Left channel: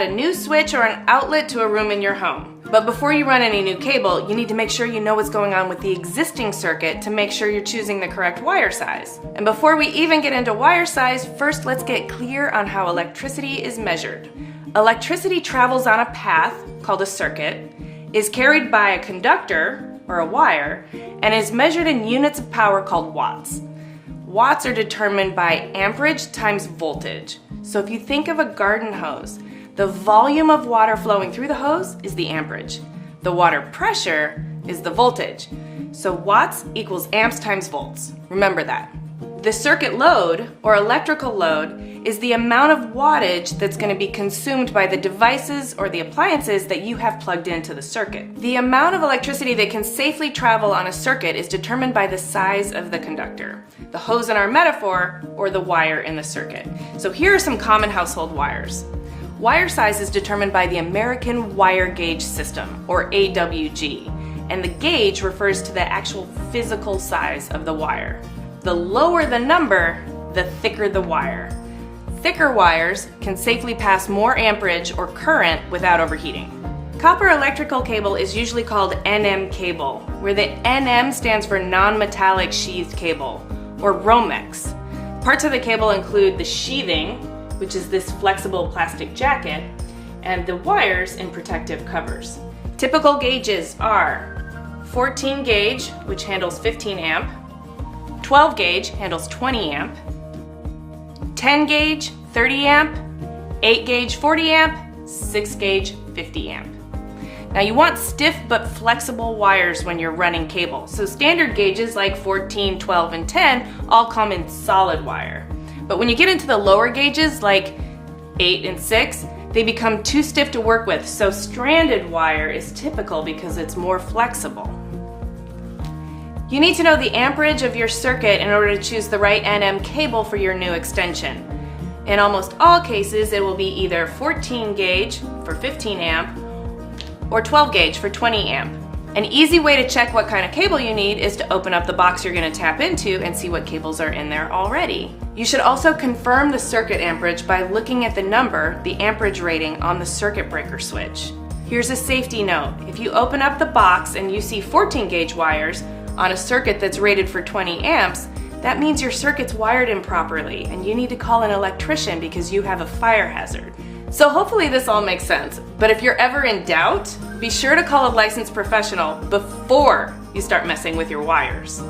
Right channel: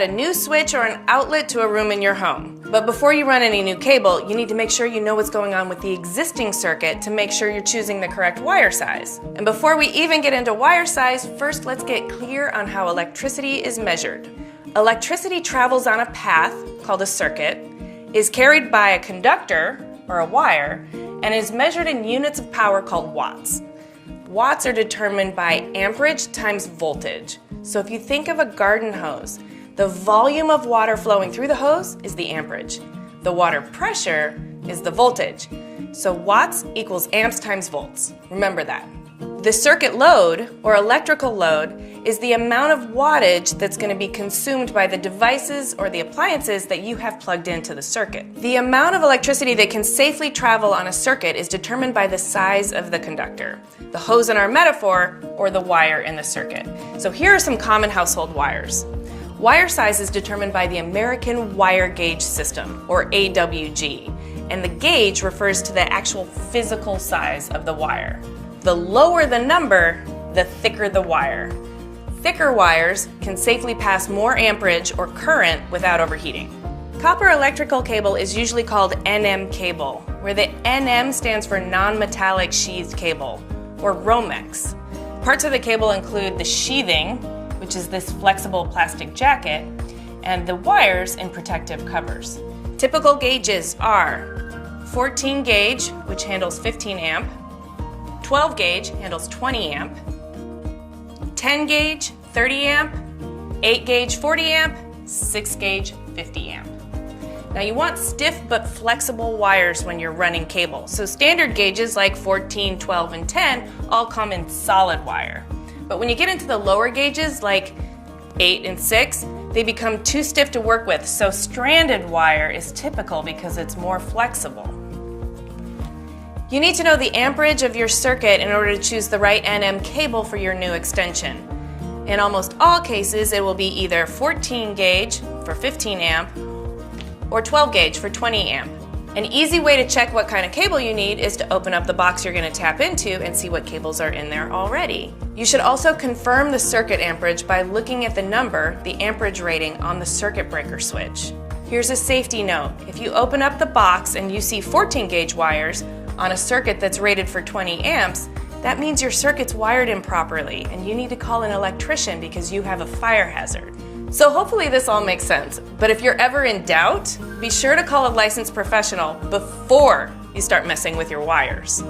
add a new switch or an outlet to a room in your home. But before you run any new cable, you need to make sure you know what's going on with the existing circuit to make sure you're choosing the correct wire size. And before we even get into wire size, first let's get clear on how electricity is measured. Electricity travels on a path, called a circuit, is carried by a conductor, or a wire, and is measured in units of power called watts. Watts are determined by amperage times voltage. So if you think of a garden hose, the volume of water flowing through the hose is the amperage. The water pressure is the voltage. So watts equals amps times volts. Remember that. The circuit load, or electrical load, is the amount of wattage that's going to be consumed by the devices or the appliances that you have plugged into the circuit. The amount of electricity that can safely travel on a circuit is determined by the size of the conductor, the hose in our metaphor, or the wire in the circuit. So here are some common household wires. Wire size is determined by the American Wire Gauge System, or AWG, and the gauge refers to the actual physical size of the wire. The lower the number, the thicker the wire. Thicker wires can safely pass more amperage or current without overheating. Copper electrical cable is usually called NM cable, where the NM stands for non-metallic sheathed cable, or Romex. Parts of the cable include the sheathing, which is this flexible plastic jacket, and the wires in protective covers. Typical gauges are 14 gauge, which handles 15 amp, 12 gauge handles 20 amp, 10 gauge 30 amp, 8 gauge 40 amp, 6 gauge 50 amp. Now you want stiff but flexible wires when you're running cable. So standard gauges like 14, 12, and 10 all come in solid wire. But when you get into the lower gauges like 8 and 6, they become too stiff to work with. So stranded wire is typical because it's more flexible. You need to know the amperage of your circuit in order to choose the right NM cable for your new extension. In almost all cases, it will be either 14 gauge for 15 amp or 12 gauge for 20 amp. An easy way to check what kind of cable you need is to open up the box you're going to tap into and see what cables are in there already. You should also confirm the circuit amperage by looking at the number, the amperage rating, on the circuit breaker switch. Here's a safety note. If you open up the box and you see 14 gauge wires on a circuit that's rated for 20 amps, that means your circuit's wired improperly and you need to call an electrician because you have a fire hazard. So hopefully this all makes sense, but if you're ever in doubt, be sure to call a licensed professional before you start messing with your wires.